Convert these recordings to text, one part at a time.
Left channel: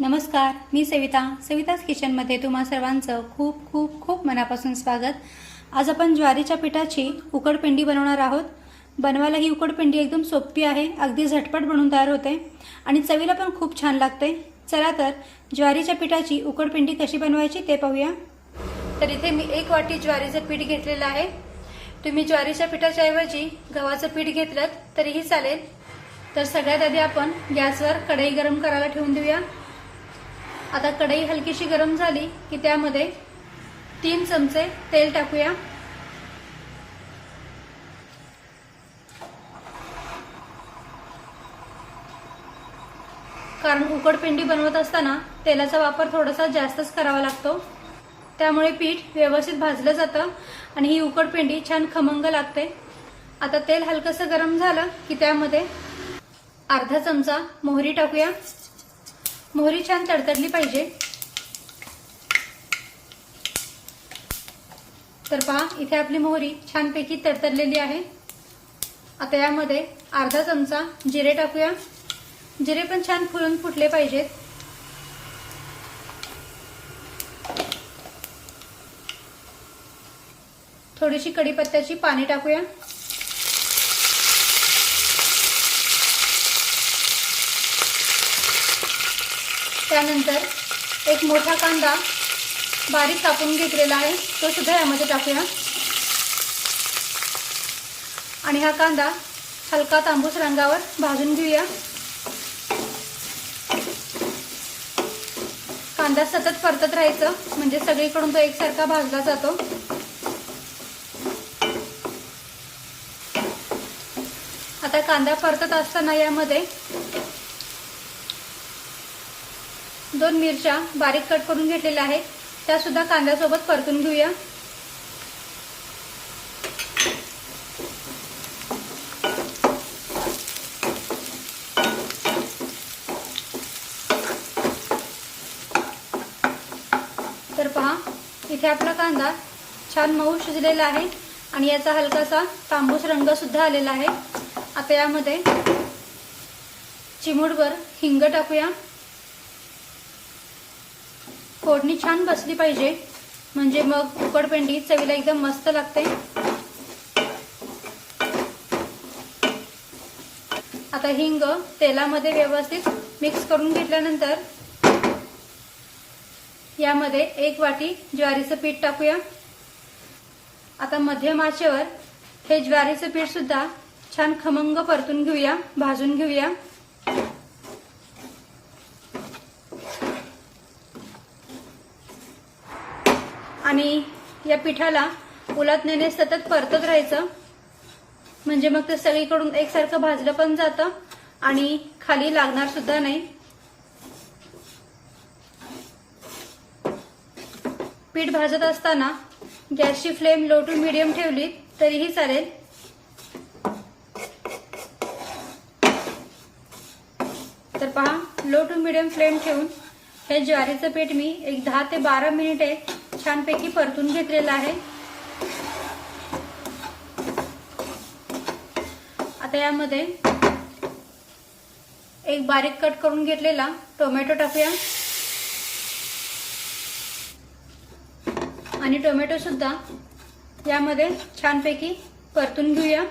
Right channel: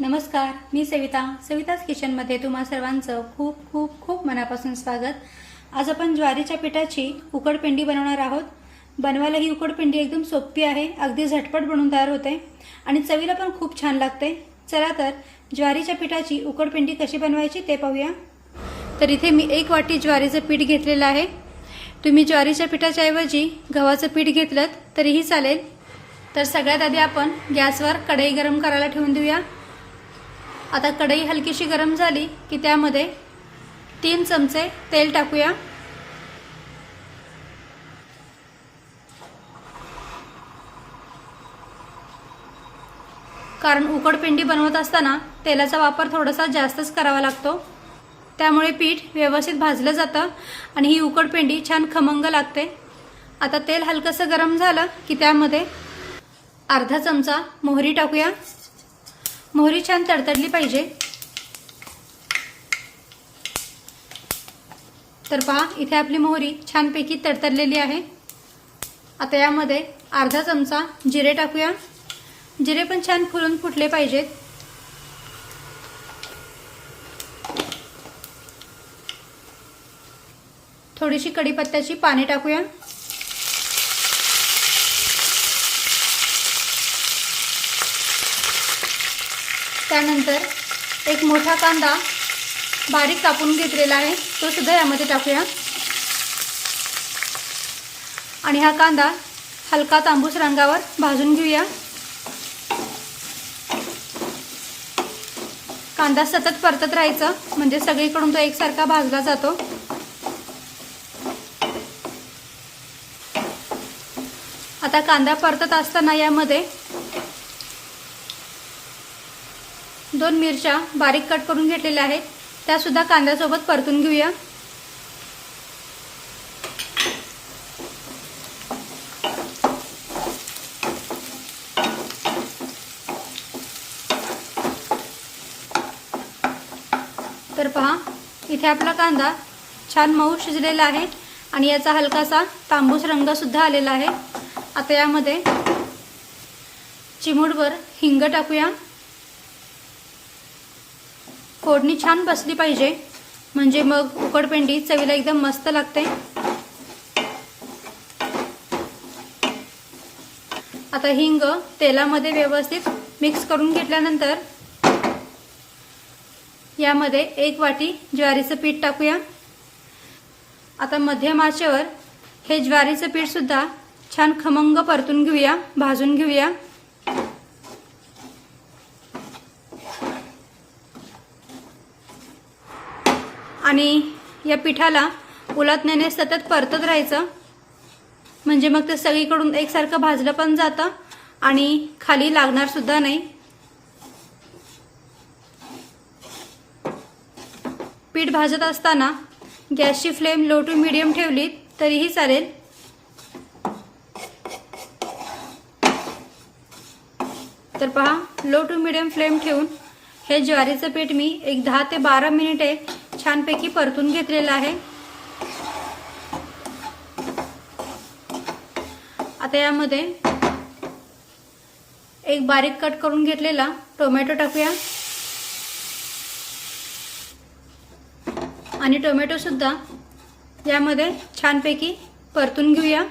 नमस्कार मी सविता. सविताच किचनमध्ये तुम्हा सर्वांचं खूप खूप खूप मनापासून स्वागत. आज आपण ज्वारीच्या पिठाची उकडपिंडी बनवणार आहोत. बनवायला ही उकडपिंडी एकदम सोपी आहे अगदी झटपट बनवून तयार होते. आणि चवीला पण खूप छान लागते. चला तर ज्वारीच्या पिठाची उकडपिंडी कशी बनवायची ते पाहूया. तर इथे मी एक वाटी ज्वारीचं पीठ घेतलेलं आहे. तुम्ही ज्वारीच्या पिठाच्या ऐवजी गव्हाचं पीठ घेतलं तरीही चालेल. तर सगळ्यात आधी आपण गॅसवर कढई गरम करायला ठेवून देऊया. आता कढई हलकीशी गरम झाली की त्यामध्ये तीन चमचे तेल टाकूया. कारण उकडपिंडी बनवत असताना तेलाचा वापर थोडासा जास्तच करावा लागतो. त्यामुळे पीठ व्यवस्थित भाजलं जातं आणि ही उकडपिंडी छान खमंग लागते. आता तेल हलकंसं गरम झालं की त्यामध्ये अर्धा चमचा मोहरी टाकूया. मोहरी छान तडतडली पाहिजे. तर पहा इथे आपली मोहरी छानपैकी तडतडलेली आहे. आता यामध्ये अर्धा चमचा जिरे टाकूया. जिरे पण छान फुलून फुटले पाहिजेत. थोडीशी कढीपत्त्याची पाने टाकूया. त्यानंतर एक मोठा कांदा बारीक कापून घेतलेला आहे. तो सुद्धा यामध्ये टाकूया. आणि हा कांदा हलका तांबूस रंगावर भाजून घेऊया. कांदा सतत परतत राहायचं. म्हणजे सगळीकडून तो एकसारखा भाजला जातो. आता कांदा परतत असताना यामध्ये दोन मिरच्या बारीक कट करून घेतलेल्या आहेत. त्या सुद्धा कांद्यासोबत परतून घेऊया. तर पहा इथे आपला कांदा छान मऊ शिजलेला आहे आणि याचा हलकासा तांबूस रंग सुद्धा आलेला आहे. आता यामध्ये चिमूडवर हिंग टाकूया. फोडणी छान बसली पाहिजे. म्हणजे मग उकडपेंडी चवीला एकदम मस्त लागते. आता हिंग तेलामध्ये व्यवस्थित मिक्स करून घेतल्यानंतर यामध्ये एक वाटी ज्वारीचं पीठ टाकूया. आता मध्यम आचेवर हे ज्वारीचं पीठ सुद्धा छान खमंग परतून घेऊया भाजून घेऊया. आणि या पिठाला उलटण्याने सतत परतत राहायचं. म्हणजे मग ते सगळीकडून एकसारखं भाजलं पण जातं आणि खाली लागणार सुद्धा नाही. पीठ भाजत असताना गॅसची फ्लेम लो टू मिडियम ठेवली तरीही चालेल. तर पहा लो टू मिडियम फ्लेम ठेवून हे ज्वारीचं पीठ मी एक दहा ते बारा मिनिटे छानपैकी परतून घेतलेलं आहे. आता यामध्ये एक बारीक कट करून घेतलेला टोमॅटो टाकूया. आणि टोमॅटो सुद्धा यामध्ये छानपैकी परतून घेऊया.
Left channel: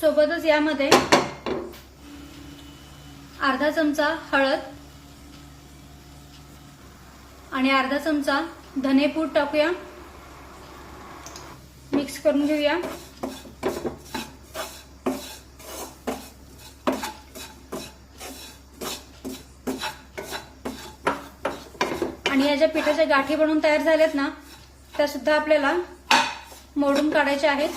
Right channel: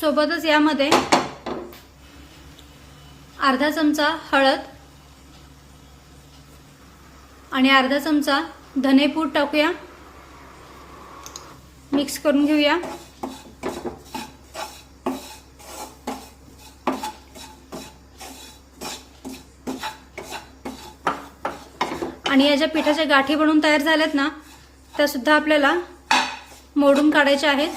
सोबतच यामध्ये अर्धा चमचा हळद आणि अर्धा चमचा धनेपूड टाकूया. मिक्स करून घेऊया. आणि या ज्या पिठाच्या गाठी बनवून तयार झाल्यात ना त्या सुद्धा आपल्याला मोडून काढायच्या आहेत.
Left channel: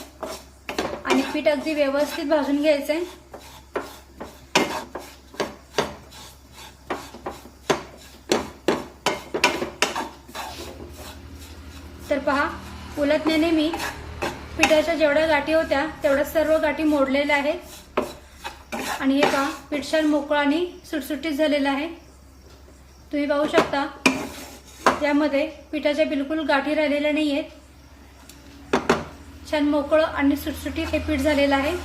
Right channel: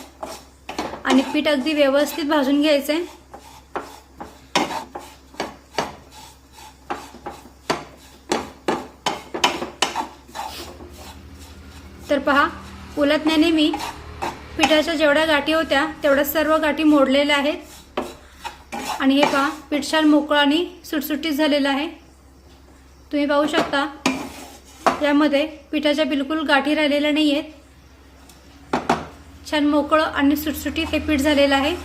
आणि पीठ अगदी व्यवस्थित भाजून घ्यायचंय. तर पहा उलटण्याने मी पिठाच्या जेवढ्या गाठी होत्या तेवढ्या सर्व गाठी मोडलेल्या आहेत. आणि हे पहा पीठ छान मोकळं आणि सुटसुटीत झालेलं आहे. तुम्ही पाहू शकता यामध्ये पिठाच्या बिलकुल गाठी राहिलेल्या नाही आहेत छान मोकळं आणि सुटसुटीत हे पीठ झालेलं आहे.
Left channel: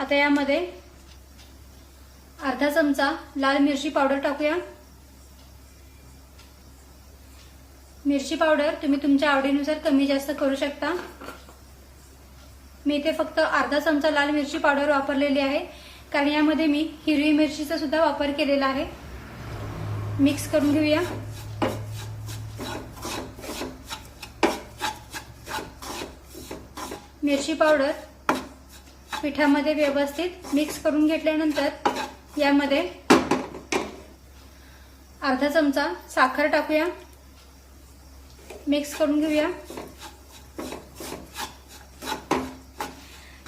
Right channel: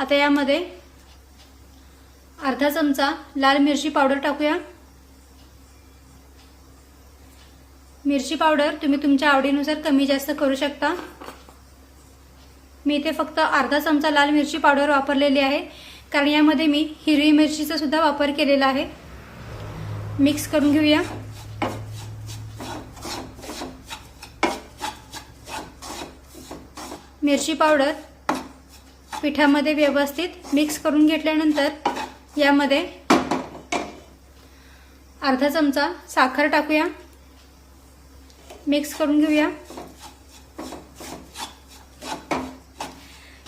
आता यामध्ये अर्धा चमचा लाल मिरची पावडर टाकूया. मिरची पावडर तुम्ही तुमच्या आवडीनुसार कमी जास्त करू शकता. मी इथे फक्त अर्धा चमचा लाल मिरची पावडर वापरलेली आहे. कारण यामध्ये मी हिरवी मिरचीचा सुद्धा वापर केलेला आहे. मिक्स करून घेऊया. मिरची पावडर पिठामध्ये व्यवस्थित मिक्स करून घेतल्यानंतर यामध्ये अर्धा चमचा साखर टाकूया. मिक्स करून घेऊया.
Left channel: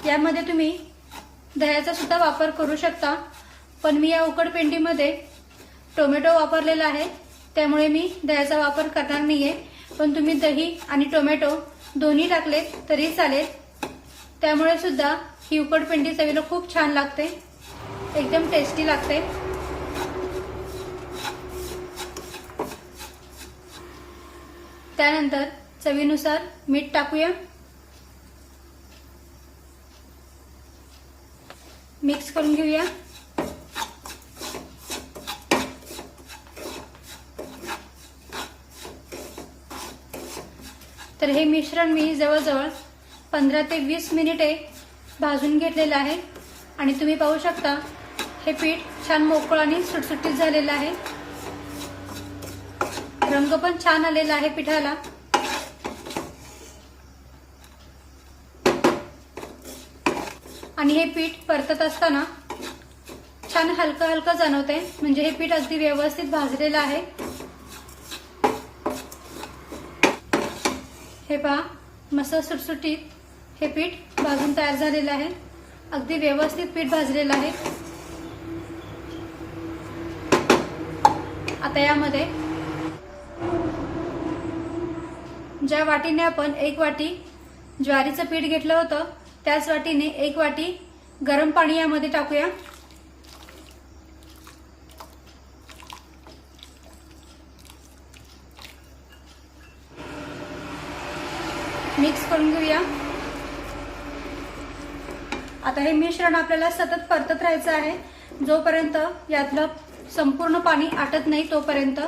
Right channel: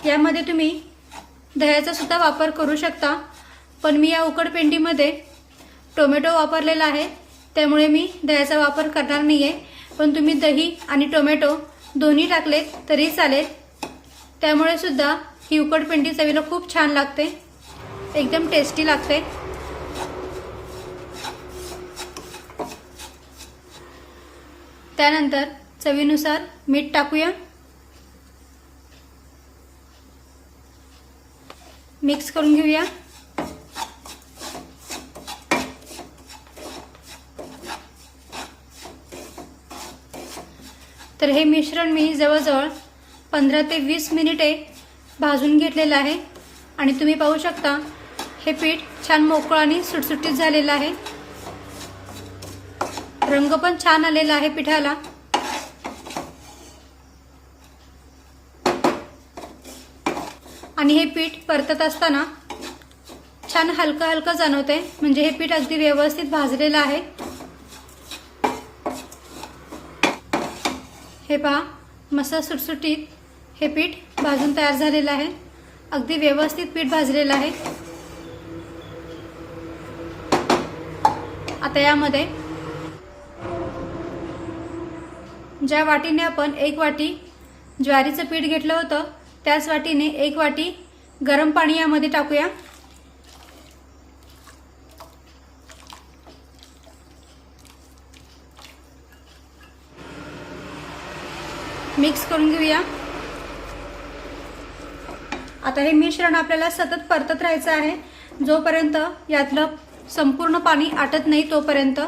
यामध्ये तुम्ही दह्याचा सुद्धा वापर करू शकता. पण मी या उकडपेंडीमध्ये टोमॅटो वापरलेला आहे. त्यामुळे मी दह्याचा वापर करणार नाहीये. पण तुम्ही दही आणि टोमॅटो दोन्ही टाकलेत तरी चालेल. त्यामुळे सुद्धा ही उकडपेंडी चवीला खूप छान लागते. एकदम टेस्टी लागते. त्यानंतर चवीनुसार मीठ टाकूया. मिक्स करून घेऊया. तर हे मिश्रण मी जवळजवळ पंधरा ते वीस मिनिटे भाजून घेतलेलं आहे. आणि तुम्ही पाहू शकता हे पीठ छान मोकळं आणि सुटसुटीत झालेलं आहे. रंग पण छान आलेला आहे पिठाला. आणि हे पीठ परतत असताना छान हलकं हलकं जाणवतंय. म्हणजे हे पीठ अगदी व्यवस्थित भाजलेलं आहे. हे पहा मसा सुटसुटीत हे पीठ भाजून तयार झालेलं आहे. अगदी व्यवस्थित पीठ भाजलेलं आहे. आता यामध्ये ज्या वाटीने आपण एक वाटी ज्वारीचं पीठ घेतलं होतं त्याच वाटीने एक वाटी गरम पाणी यामध्ये टाकूया. मिक्स करून घेऊया. आता हे मिश्रण आपल्याला सतत परतत राहायचं आहे. जोपर्यंत यातलं संपूर्ण पाणी आटत नाही तोपर्यंत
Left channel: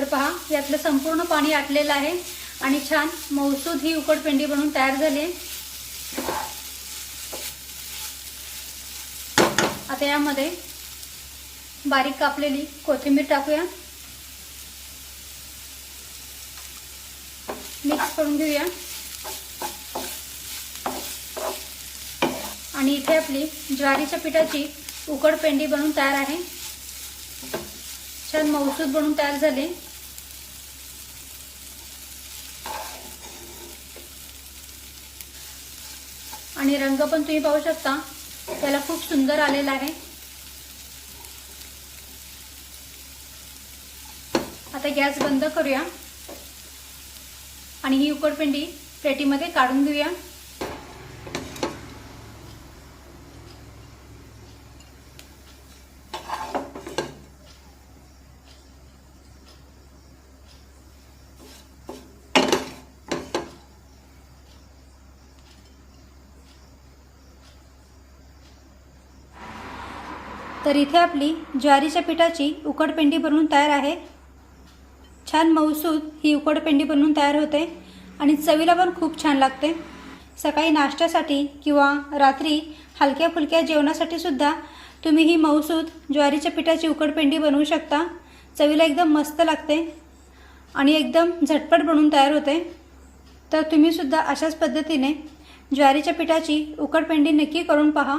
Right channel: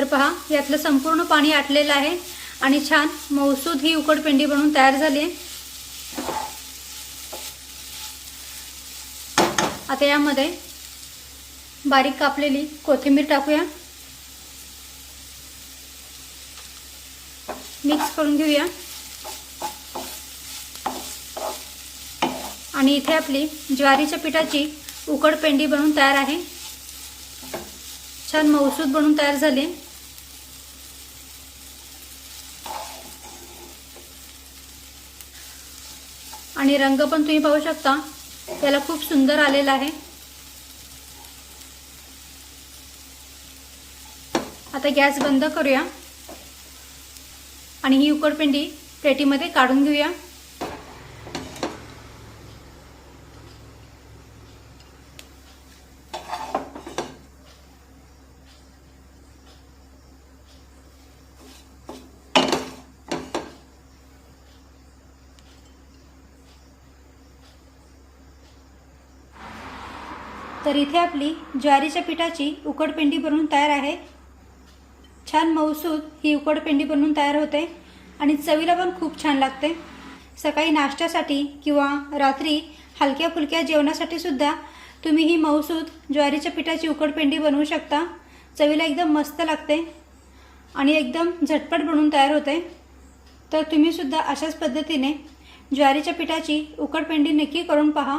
तर पहा यातलं संपूर्ण पाणी आटलेलं आहे आणि छान मौसूद ही उकडपेंडी बनवून तयार झाली आहे. आता यामध्ये बारीक कापलेली कोथिंबीर टाकूया. मिक्स करून घेऊया. आणि इथे आपली ज्वारीच्या पिठाची उकड पेंडी बनवून तयार आहे. छान मौसूद बनवून तयार झाले आणि रंग पण तुम्ही पाहू शकता. त्याला खूप सुंदर आलेला आहे. आता गॅस बंद करूया. आणि ही उकडपिंडी प्लेटीमध्ये काढून घेऊया. तर इथे आपली ज्वारीच्या पिठाची उकडपिंडी बनवून तयार आहे. छान मऊसूद ही उकडपिंडी बनवून तयार होते आणि चवीला पण खूप छान लागते. सकाळी नाश्त्यासाठी किंवा रात्री हलक्या फुलक्या जेवणासाठी सुद्धा तुम्ही ही मऊसूद ज्वारीच्या पिठाची उकडपिंडी बनवू शकता. चवीला एकदम मस्त लागते आणि एकदम झटपट बनवून तयार होते. तर तुम्ही सुद्धा अशाच पद्धतीने ज्वारीच्या पिठाची उकडपेंडी नक्की करून पहा.